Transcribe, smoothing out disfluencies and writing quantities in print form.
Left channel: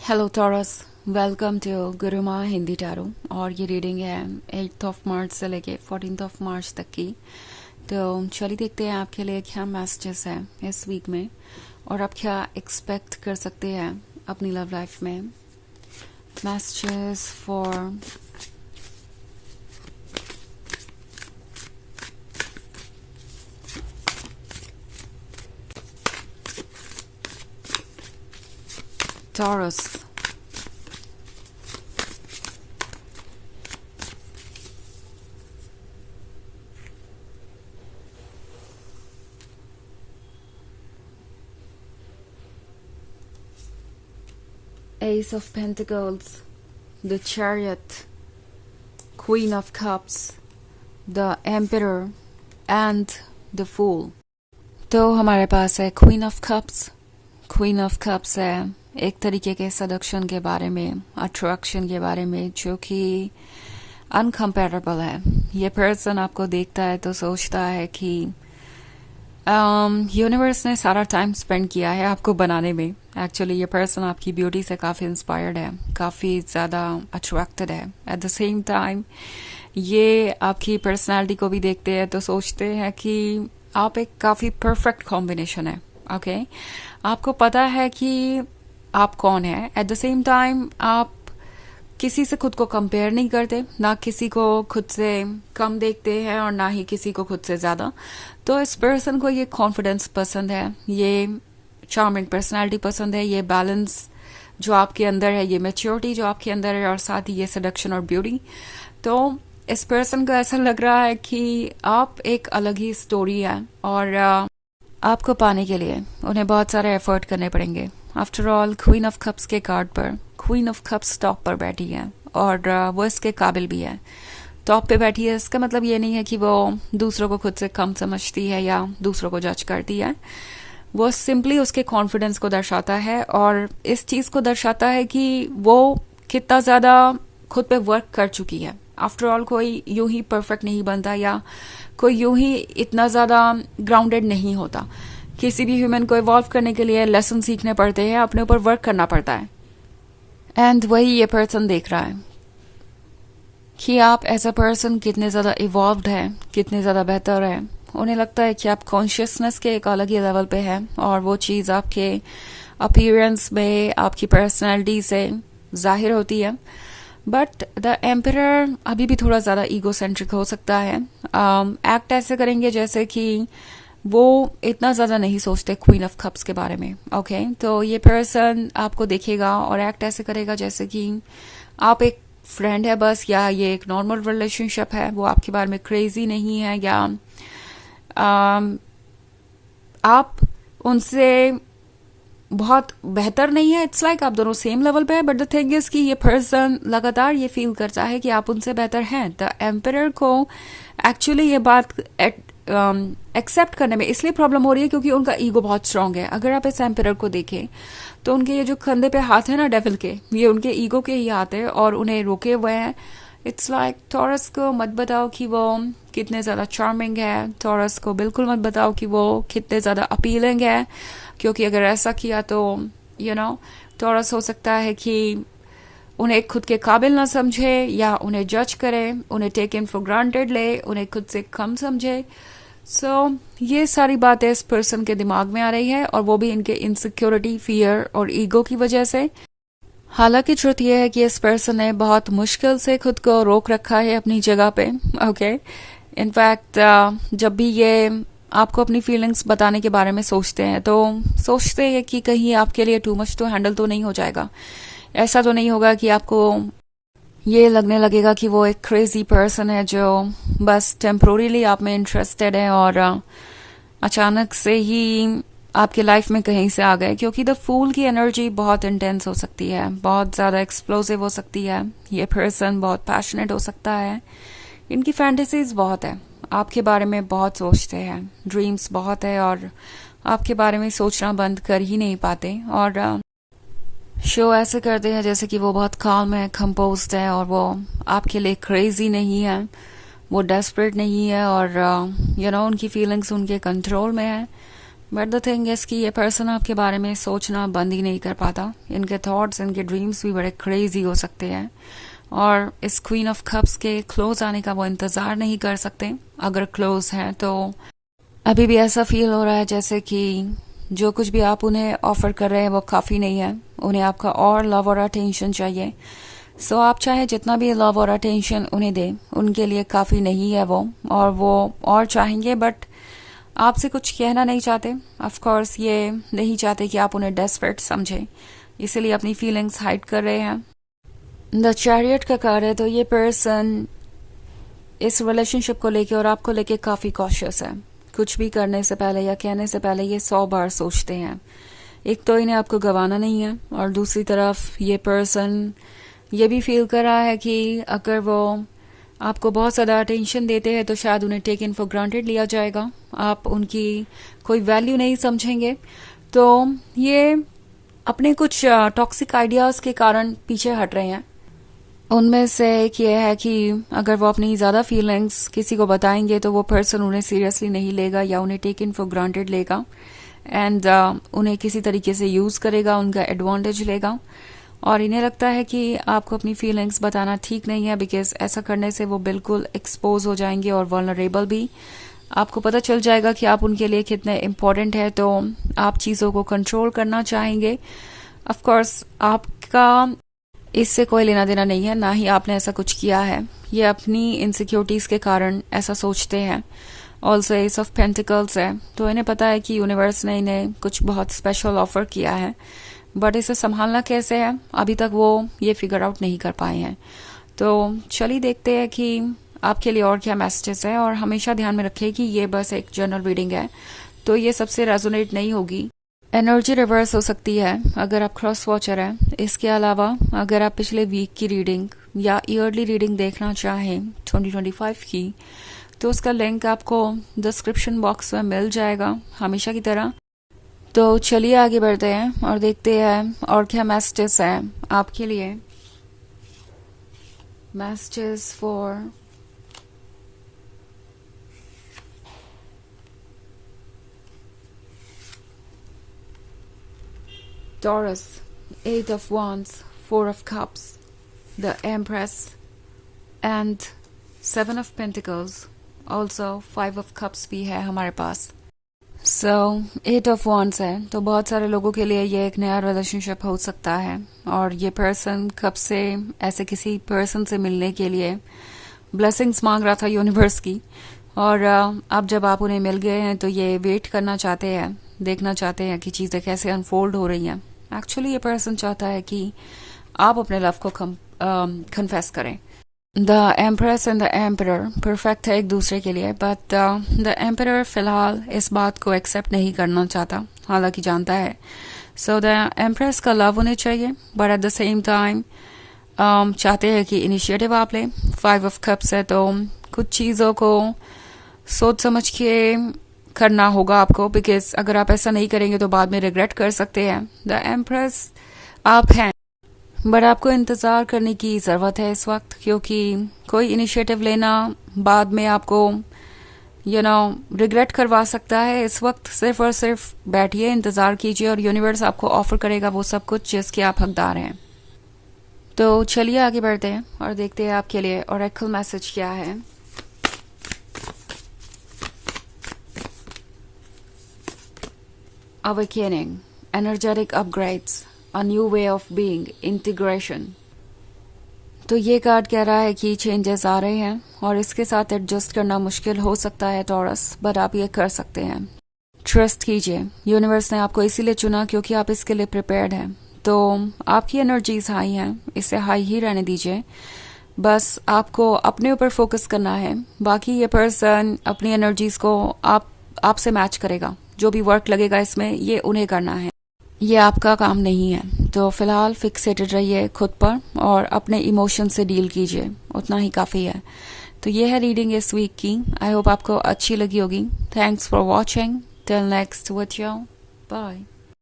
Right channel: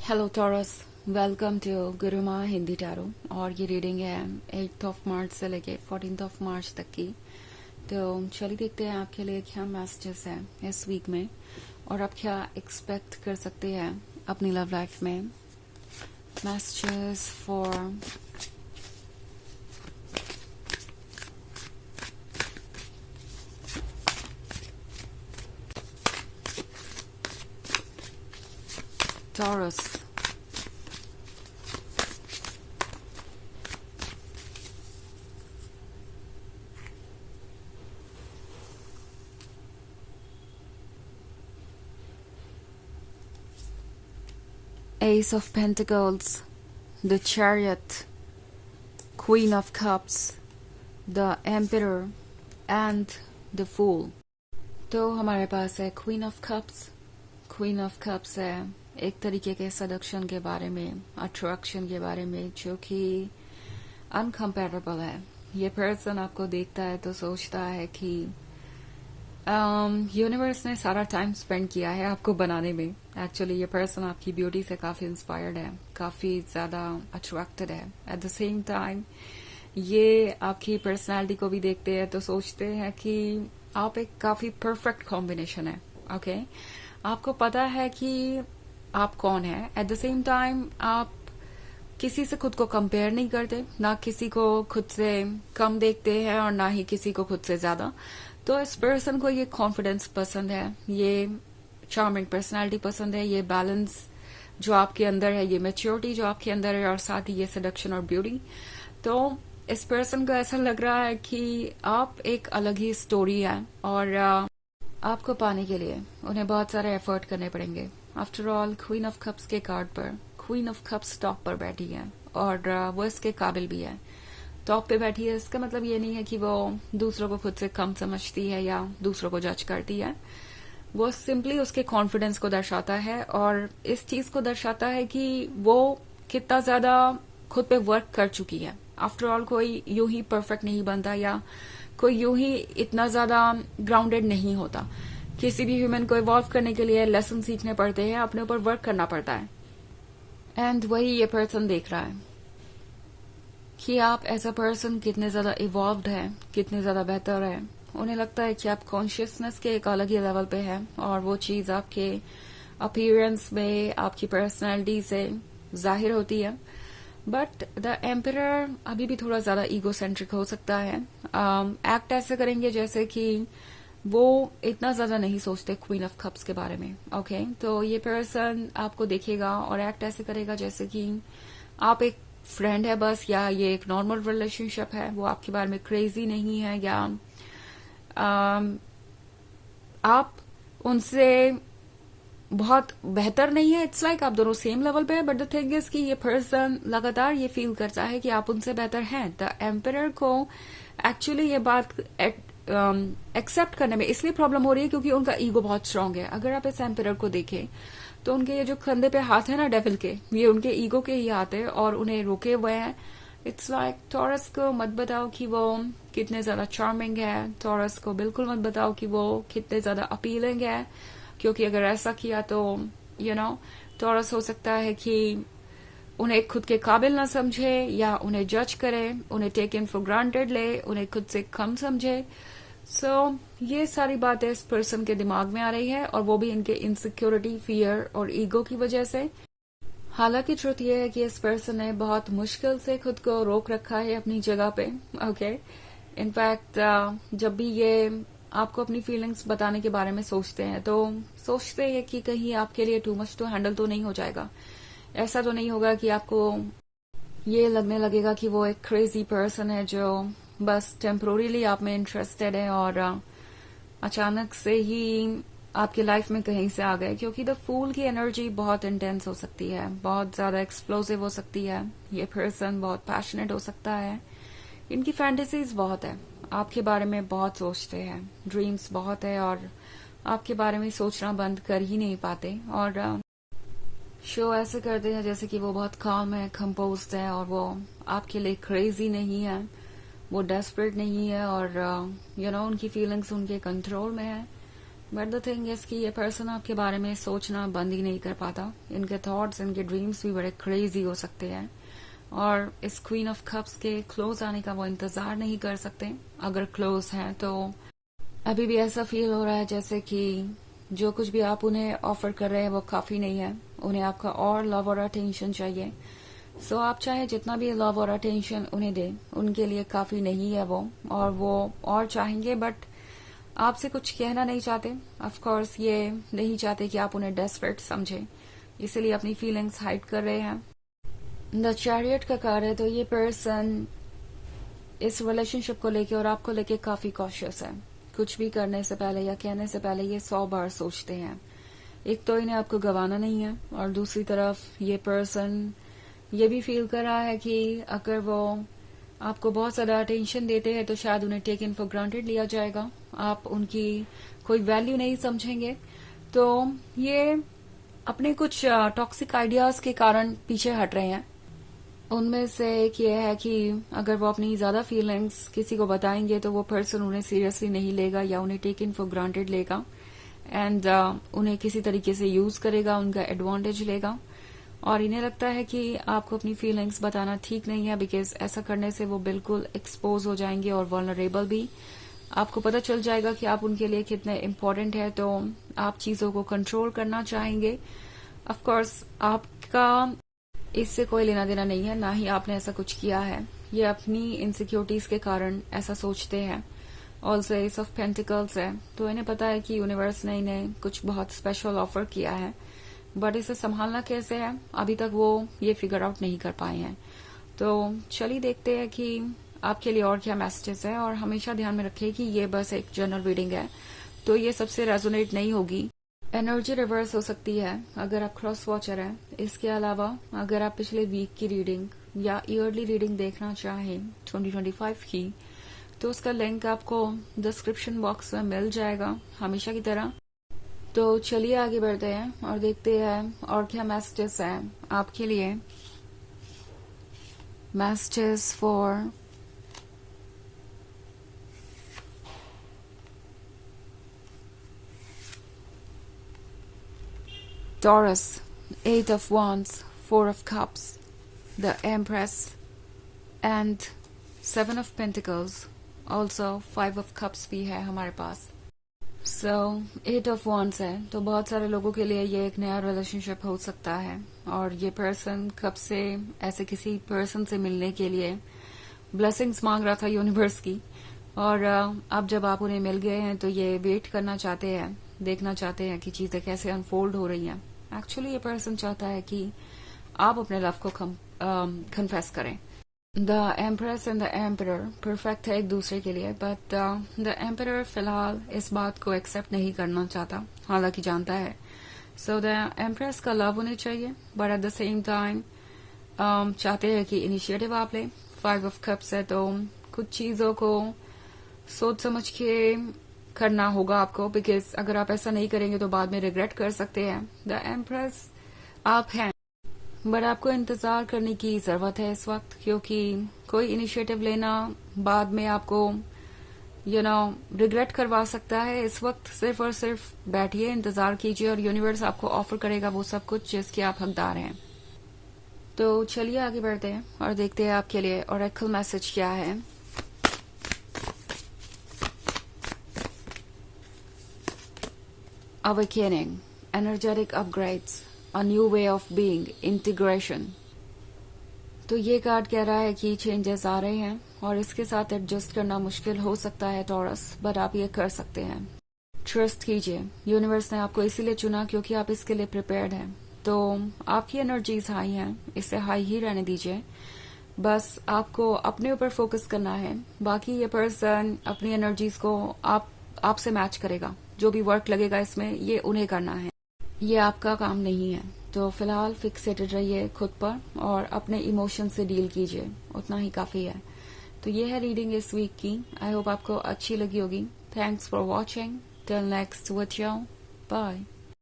Hello Taurus, welcome to Guruma Hindi tarot. और ये reading है 8 ऑफ मार्च से लेके 14 ऑफ मार्च तक की। तो चलिए देखते हैं आपके लिए क्या मैसेजेस हैं इस वीक में और आप क्या एक्सपेक्ट कर सकते हैं अपनी लव लाइफ में। Messages for taurus. Ace of Pentacles, the Chariot, Queen of Cups, the Emperor and the Fool। तो हमारे पास है queen of cups. Queen of cups है एक तरीके के सडक्शन के बारे में, अट्रैक्शन के बारे में, जो कि अनकम्पेरेबल है। ये पर्सन आपको देखता है तो सोचता है कि यूनिवर्स ने सारा टाइम स्पेंड किया है आपको बनाने में। एक्चुअली ये पर्सन आपकी ब्यूटी से काफ़ी इंस्पायर्ड है, काफ़ी ज़्यादा अट्रैक्टेड है। एट द सेम टाइम ये आपकी पर्सनालिटी को भी देखते हैं तो सोचते हैं कि आप एक काफ़ी परफेक्ट कॉम्बिनेशन है। ओके, आपको पता है कि आप कौन है। एट द सेम टाइम आप किसी से खुद को कंपेयर नहीं करते, ना किसी को खुद से कम देखते हैं और ना ही किसी को खुद से ज़्यादा। तो इस पर्सन को ये कॉन्फिडेंस पसंद है, ये चार्मिंग पर्सनालिटी पसंद है, ये बैलेंस जो आपके अंदर है, ये मैच्योरिटी जो आपके अंदर है, और साथ ही ये सेडक्शन और ब्यूटी। तो इस पर्सन को ऐसा लग रहा है कि आप एक अलग ही स्टोरी है और आपको पाने के लिए उन्हें बहुत सारे एफर्ट करने पड़ेंगे। After all queen of cups के कार्ड पर क्वीन ऑफ कप्स टॉप पर बैठी है और वो इसके काबिल भी है। टॉप पे बैठी है, इसका मतलब ये नहीं है कि वो दूसरों को खुद से कम समझती है या दूसरों को जज करती है। वो सिंपली उसके कॉन्फिडेंस को दर्शाता है और इस चीज़ को दर्शाता है कि वो कितना ज़्यादा खुद पे वर्क कर चुकी है। आफ्टर ऑल कोई यूं ही परफेक्ट नहीं बनता या कोई यूं ही इतना ज़्यादा ग्राउंडेड नहीं होता। किसी भी ह्यूमन को इवॉल्व करने के लिए लेसन सीखने पड़ते हैं, अपने ऊपर वर्क करना पड़ता है। एंड वही ये पर्सन देख रहा है कि आप एज अ पर्सन कितने ज़्यादा इवॉल्व्ड है, कितने ज़्यादा बेहतर है। उन्हें लगता है कि आप कॉन्शियसनेस के एक अलग ही लेवल पे है और वो चीज़ आपके अपीयरेंस में, आपकी पर्सनैलिटी से जाहिर होती है। बट द एम्परर अभी भी थोड़ा ज़्यादा ईगोसेंट्रिक हो सकता है। एक्ट ऐसे करेंगे जैसे कि वो इतना ज़्यादा नहीं सोचते क्वीन ऑफ कप्स के बारे में। ओके, तो ये पर्सन आपको देखेगा और एक्ट ऐसे करेगा जैसे कि आप एक फ्रेंड है बस, या ये एक नॉर्मल रिलेशनशिप है। वो आपके बारे में क्रेजी नहीं है या आप उनसे बहुत बेहतर नहीं है। इट्स लाइक आप दोनों सेम लेवल पे है। बट द थिंग इज कि ये पर्सन लगातार ये फील करता है कि आप उनसे बेहतर हैं। द एम्परर को एक्चुअली ये बात एक्सेप्ट करने में इसलिए प्रॉब्लम हो रही है क्योंकि उनका ईगो बहुत स्ट्रांग है। अगर आप इस एम्परर को देखें तो उनके ये जो कंधे पे हाथ है ना डेविल के, ये उनके ईगो के ही हाथ है और उन्हें रोके हुए हैं। इट्स लाइक टॉरस को मत बताओ कि वो कितने ज़्यादा चार्मिंग है, टॉरस को बिल्कुल मत बताओ कि वो कितने ज़्यादा अपीलिंग है, क्योंकि अगर ऐसा किया तो टॉरस हो सकता है कि उन्हें खुद के काबिल ना समझे या उन्हें जज करे, उन्हें टेक इन फॉर ग्रांटेड ले, उन्हें खुद से कम समझे। सो ये सारी बातें इस पर्सन के दिमाग में आ रही है और वो भी इनके इनसिक्योरिटी, फियर और ईगो की वजह से। हालांकि ट्रुथ ये है कि इस पर्सन ने बहुत मुश्किल से खुद को रोक रखा है अपनी जगह पे। ओके, इनफैक्ट जब भी ये आपको अपनी फीलिंग्स बताने के बारे में सोचते हैं तो सोचते हैं कि कहीं आपके लिए टू मच तो हैंडल तो नहीं हो जाएगा। ऐसा तो नहीं होगा कि आपको ये लगने लगेगा कि वो एक क्रेजी पर्सन है जो बस टेम्पोररीली आप में इंटरेस्टेड है और अचानक से ही आपके लाइफ में कहीं से आ गए। क्योंकि द फूल की एनर्जी बहुत इंटेंस हो सकती है, बहुत ज़्यादा एक्सप्लोसिव हो सकती है। ये पर्सन बहुत पैशनेट हो सकता है, इनकी फैंटेसीज बहुत है, आपके बारे में बहुत सोचते हैं, ड्रीम्स बहुत है और आपके बारे में सोचना बंद कर ही नहीं पाते। और शो ऐसे करते हैं जैसे कि वो बहुत काम है, कंपोज्ड है और वो आपके लिए क्रेजी नहीं है, वो डेस्परेट नहीं है और उनकी फीलिंग्स उनके कंट्रोल में है। बट द थिंग इज कि ये पर्सन आपके बारे में सोचना बंद ही नहीं कर पाता। इनके थॉट्स, इनके ड्रीम्स भी बड़े क्रेजी हो सकते हैं, और इस क्वीन ऑफ कप्स के क्लोज आने का वो इंतज़ार नहीं कर सकते। अगर क्लोज हैं तो अभी भी ऐसा फील हो रहा है जैसे कि जो कुछ भी आप उन्हें ऑफर कर रहे हैं वो काफ़ी नहीं है। उन्हें आपका और लव और अटेंशन चाहिए। सो आप चाहे जितना भी लव और अटेंशन उन्हें दें, उनके लिए काफ़ी नहीं है वो, और वो और चाहेंगे बट आपसे कुछ कहना नहीं चाहते। ऑफ कोर्स ये नहीं चाहते कि आप उन्हें डेस्परेट समझें, इसीलिए अपनी फीलिंग्स हाइड कर रहे हैं। द चैरियट का कार्ड है, तो ये पर्सन इस रिलेशनशिप को लेके और आपको लेके काफ़ी कॉशियस है। कुछ भी करने से पहले या कहने से पहले ये 100 बार सोचते हैं। एक तो इन्हें आपको गंवाना नहीं है, और दूसरी तरफ ये पर्सन ये भी फील कर रहा है कि अगर वो आपको बहुत ज़्यादा अटेंशन देते हैं तो शायद उन्हें टेक इन फॉर ग्रांटेड लिया जाएगा, आप उनकी कोई वैल्यू नहीं समझेंगे। तो ये अपने कुछ टॉक्सिक आइडियाज़ के कारण पीछे हट रहे हैं। उनमें से एक ये है कि अगर वो अपनी ज़्यादा फीलिंग्स किसी को बताएंगे तो वो पर्सन उन्हें सीरियसली नहीं लेगा या उन्हें टेक इन फॉर ग्रांटेड लेगा, एंड उन्हें किसी तरीके से यूज़ करेगा, उनका एडवांटेज लेगा। और इन्हें लगता है कि आपको अपनी फीलिंग्स बताना ठीक नहीं है, बिकॉज ऐसा करने से वो बिल्कुल एक्सपोज हो जाएंगे और वल्नरेबल भी। आपको पता चल जाएगा कि आप उनके लिए कितने इम्पोर्टेंट है, तो आप चीज़ों को कंट्रोल करना चाहेंगे। ऑफ कोर्स आपका इससे कोई लेना देना नहीं है, ना ही आपने ऐसा कुछ किया है। ये अपनी इनसिक्योरिटीज़ के कारण ऐसा सोचते हैं। ऑल्सो एस ऑफ पेंटिकल्स है, तो इन्हें पता है कि यूनिवर्स ने इन्हें कुछ बहुत स्पेशल ऑफर किया है, बट इसे संभालना कैसे है अभी तक वो ये फिगर आउट नहीं कर पाए हैं। तो चलिए देखते हैं कि आपके लिए और क्या मैसेजेस है। और हमेशा ध्यान में रखें कि ये बस एक जनरल रीडिंग है, तो ये सबसे रेजोनेट नहीं होगी। एनर्जी रिवर्स हो सकती है अगर आप क्रॉस वॉचर हैं। इसके अलावा अगर आप पिछले वीक की रीडिंग या ईयरली रीडिंग देखना चाहें 2025 की, तो उसका लिंक आपको डिस्क्रिप्शन बॉक्स में मिल जाएगा हमेशा की तरह। तो चलिए आगे बढ़ते हैं और देखते हैं और क्या मैसेजेस हैं आपके लिए। Messages for Taurus, 8 of Wands, 4 of Cups, the Empress, and 7 of Pentacles. Also 5 of Cups भी है हमारे पास। So 8 of Wands है, तो बहुत सारे लोगों के लिए ये एक नया रिलेशनशिप हो सकता है, और ये पर्सन कब से ऐसे किसी पर्सन से मिलने के लिए ब्लेसिंग्स मांग रहा था यूनिवर्स की, और अब जब आप उन्हें मिल गए हैं तो ये वेट करना चाहते हैं, देखना चाहते हैं कि चीज़ें कैसे अनफोल्ड हो रही हैं। एक्चुअली ये पर्सन चाहता है कि आप अपने लव को कन्फेस करें। The empress and the emperor perfect है एक दूसरे के लिए, बट द एम्परर फिलहाल इस बात को एक्सेप्ट नहीं करना चाहता, हालांकि जानता है। सो द एम्प्रेस का लव होने चाहिए, but at the same time चाहते हैं कि इनिशिएटिव आप लें। 5 ऑफ कप्स है, तो कुछ चीज़ों को सोच समझ के करना होगा आपको, बिकॉज अगर आप ऐसा नहीं करेंगे तो बाद में रिग्रेट कर सकते हैं। द एम्प्रेस आप हैं, बट आपको इंतज़ार करने की ज़रूरत है इस वक्त, क्योंकि कोई इनिशिएटिव लेना बाद में आपको रिग्रेट करवा सकता है। इस वक्त सिर्फ और सिर्फ बैठिए, इंतज़ार कीजिए, और यूनिवर्स आपको ऑफर करेगा वो सब कुछ जिसके आप हकदार हैं। तो चलिए आगे बढ़ते हैं और देखते हैं आपके लिए ओरेकल मैसेज क्या है। Awakening, energetic upgrades, a new way of being, integration. तो ये कार्ड कह रहा है कि चेंजेस आ रहे हैं और इसके साथ एडजस्ट करना मुश्किल हो सकता है टॉरस, बट आप ये कर सकते हैं। ट्रस्ट कीजिए, यूनिवर्स ने आपको इसीलिए चुना क्योंकि आप इसके लिए प्रिपेयर्ड हैं। तो आपकी एनर्जीज हाई हैं, इसे हाई ही रहने दीजिए। बस आपको अपने ऊपर फोकस करना है, बाकी ये पर्सन अपनी एनर्जीज को आपसे मैच करेगा। जो भी वर्क लगेगा इसमें ये उन्हें करना है, ये आपका काम नहीं है। तो फिलहाल फिक्सेटेड रहिए खुद पर और अपने इमोशन से डील कीजिए, उतना ही काफ़ी है। तो ये है रीडिंग इस वीक की। आई होप आपको अच्छी लगी होगी। Thanks for watching. Till next video, bye.